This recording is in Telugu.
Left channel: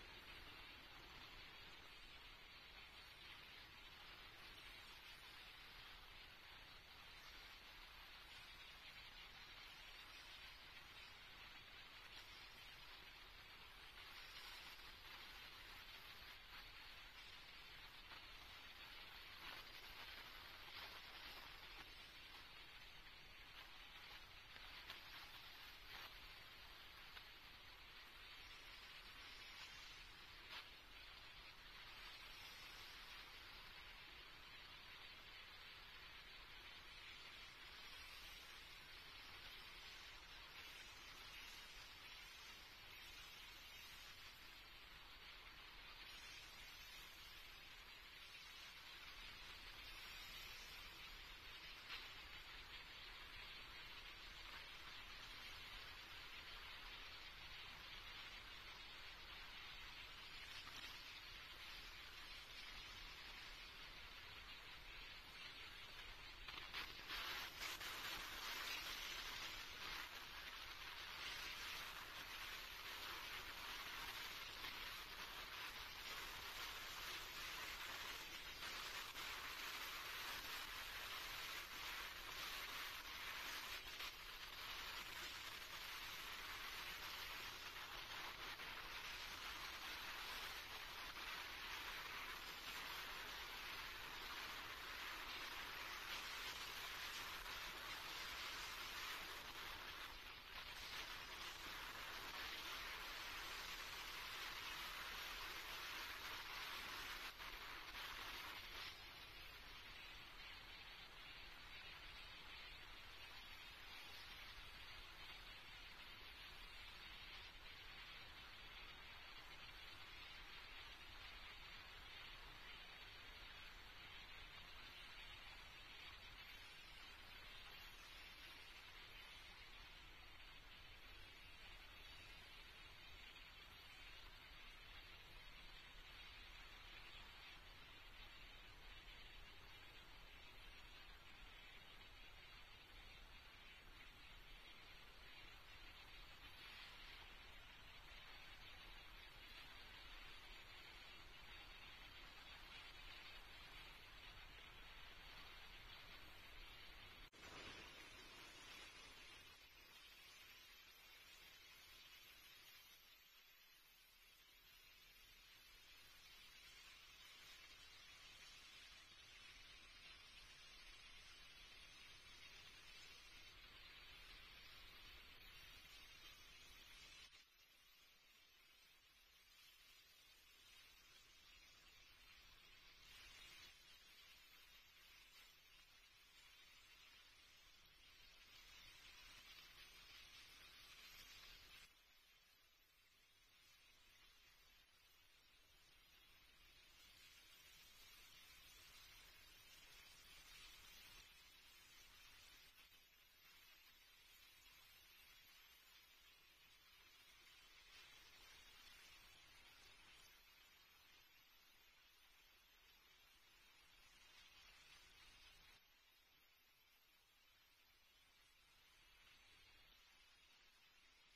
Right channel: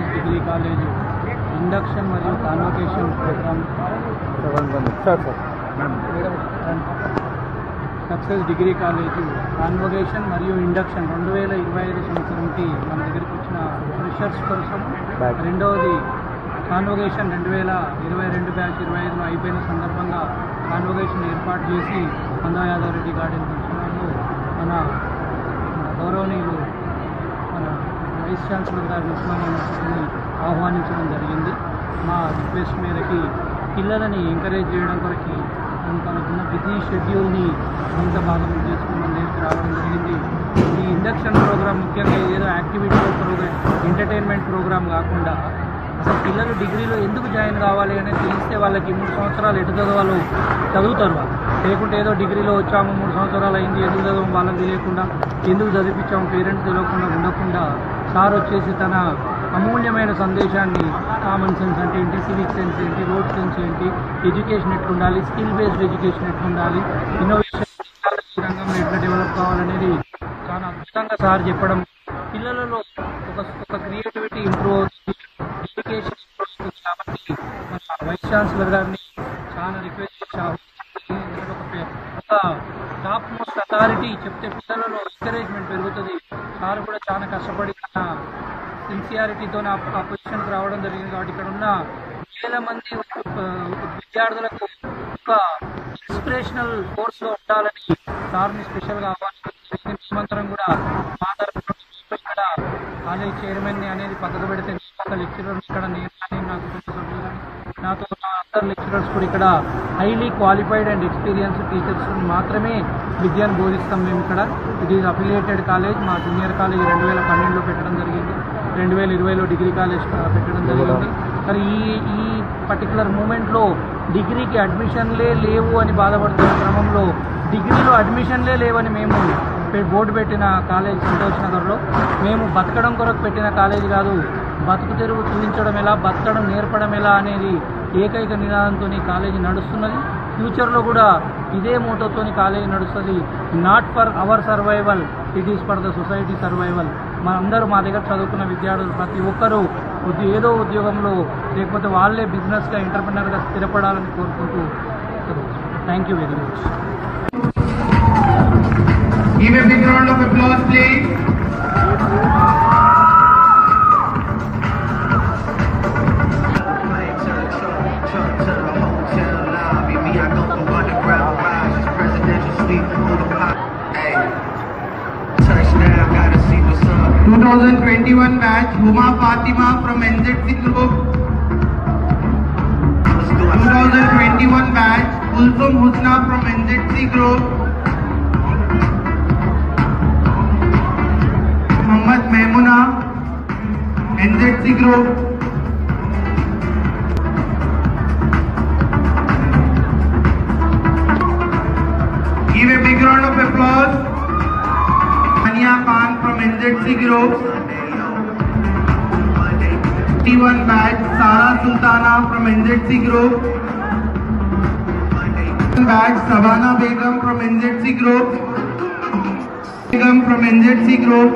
సక్సెస్ డిగ్రీ కాలేజ్ ఇండక్షన్ మరియు convocation programme Success Degree College convocation మరియు ఇండక్షన్ 2025 సంవత్సరంకి మన దగ్గరికి వచ్చిన ఫ్రెషర్స్ కోసం, రెండవది కాన్వకేషన్ 2022 బ్యాచ్ 25 అయిపోయిన సందర్భంగా కాన్వకేషన్ ఏర్పాటు చేసి మందా యాదవ్ రెడ్డి గార్డెన్ ఫంక్షన్లో మన గౌరవనీయులు మన వైస్ ఛాన్సలర్ గారు ఉస్మానియా యూనివర్సిటీని ఆహ్వానించడం జరిగింది. మా రిక్వెస్ట్ మేరకి పిల్లలని ఎంకరేజ్ చేయడం కొరకు తనకున్న బిజీ షెడ్యూల్ని కొంత భాగం చేసుకుని మన దగ్గరికి రావడం జరిగింది. ఈ ఇండక్షన్ ప్రోగ్రామ్ ముఖ్యంగా ఏదో యాక్టివిటీ ప్రోగ్రామ్, ఎంటర్టైన్మెంట్ ప్రోగ్రామ్ కాకుండా అసలు పిల్లలు డిగ్రీలో ఎందుకు జాయిన్ కావాలి అనేది తెలిస్తే వాళ్ళకి 3 సంవత్సరాలు ఎటు చదవాలో చదువుతారు. వాళ్ళు లేకుంటే ఏదో డిగ్రీలో వచ్చాము 3 సంవత్సరాలు అయింది ఎందుకు చదవం వాళ్ళకి తెలియకుండా, ఎందుకు చదివించాము పేరెంట్స్ తెలియకుండా ఉండకుండా సార్ వచ్చేసి తన అమూల్యమైన సందేశాన్ని కామన్ సెన్స్ అంటే ఏంటి, సివిక్ సెన్స్ ఏంటి, రోడ్ సెన్స్ ఏంటి, ఎడ్యుకేషన్ ఎట్లుండాలి, స్కిల్ బేస్డ్ ఎడ్యుకేషన్ ఎట్లుండాలి, ఇన్నోవేషన్ రంగంలో ఎట్లా డెవలప్ కావాలనేది చాలా అద్భుతంగా సార్ చెప్పడం పిల్లలలో ఒక క్రియేటివిటీ ఇంప్రూవ్ అవుతుంది, ఎడ్యుకేషన్ ఇంప్రూవ్ అవుతుంది. కాబట్టి మన వైస్ ఛాన్సలర్ గారిని చాలా రిక్వెస్ట్ చేశారు. ఒక టాప్ మోస్ట్ అథారిటీ చెప్తే పిల్లలలో ఎంకరేజ్మెంట్ పెరుగుతుంది. సార్ కూడా చాలా కష్టపడి సిన్సియారిటీతో ఆ పొజిషన్కి రావడం జరిగింది. కాబట్టి ఇక్కడ ఉన్న వేల మంది విద్యార్థులకు ఒక ఇన్స్పిరేషనల్ కోర్స్గా ఉండాలని సార్ని స్పెషల్గా ఆహ్వానించారు. మేమంతరం కూడా మా తరఫున ఇక్కడ కాలేజ్ చైర్మన్ని అనేది పక్కకు పెడితే ఒక లెక్చరర్స్ ఇక్కడ నేను నాతో అందరు లెక్చరర్స్ కూడా ఇక్కడ highly qualified and experience teachers మాత్రమే విద్యను బోధిస్తాం. మేము ఇక్కడ ఇది అఫిలియేటెడ్ కాలేజ్. మా జూనియర్ కాలేజ్ 2012లో పెట్టడం జరిగింది, 2020లో డిగ్రీ కాలేజ్ పెట్టడం జరిగింది. కానీ ఈ పర్టికులర్ మూమెంట్లో డిగ్రీకి అడ్మిషన్లే లేవు అని బాధపడుతున్న క్రమంలో డిగ్రీలో అడ్మిషన్లే లేవని మేము బోర్డు పెట్టిన కాలేజ్ సంతోష్ నగర్లో మేము బతకడం కొరకు పెట్టిన కాలేజ్ కాదు, బతుకు తెరువు చూపించడం ఎలా, బతకడం నేర్పడం ఎలా అనేది ఏకైక నినాదంతో కాలేజీ నడుస్తున్నది. ఫ్యూచర్లో కూడా ఇదే మోటోతో కాలేజీ నడుస్తుంది. Not for hour survival, it is for the society survival. మనందరూ మా దగ్గర చదువుకున్న విద్యార్థులు ప్రతి ఒక్కరూ ఏదో ఉద్యోగంలో లేకపోతే వాళ్ళే బిజినెస్గా ఎంటర్ప్రెనర్గా స్థిరపడాలని కోరుకుంటూ thank you very much. Give a big round of applause, please. Hey. 2021 batch, Huma Fatima from NZC Group. 2021 batch, Kulsum Husna from NZC Group. Mohammad Maimuna, NZC Group. Give a big round of applause. Ania Khan from NZC Group. 21 batch, Sara Sultana from NZC Group. Batch, Savannah Begum from NZC Group. Begum from NZC Group.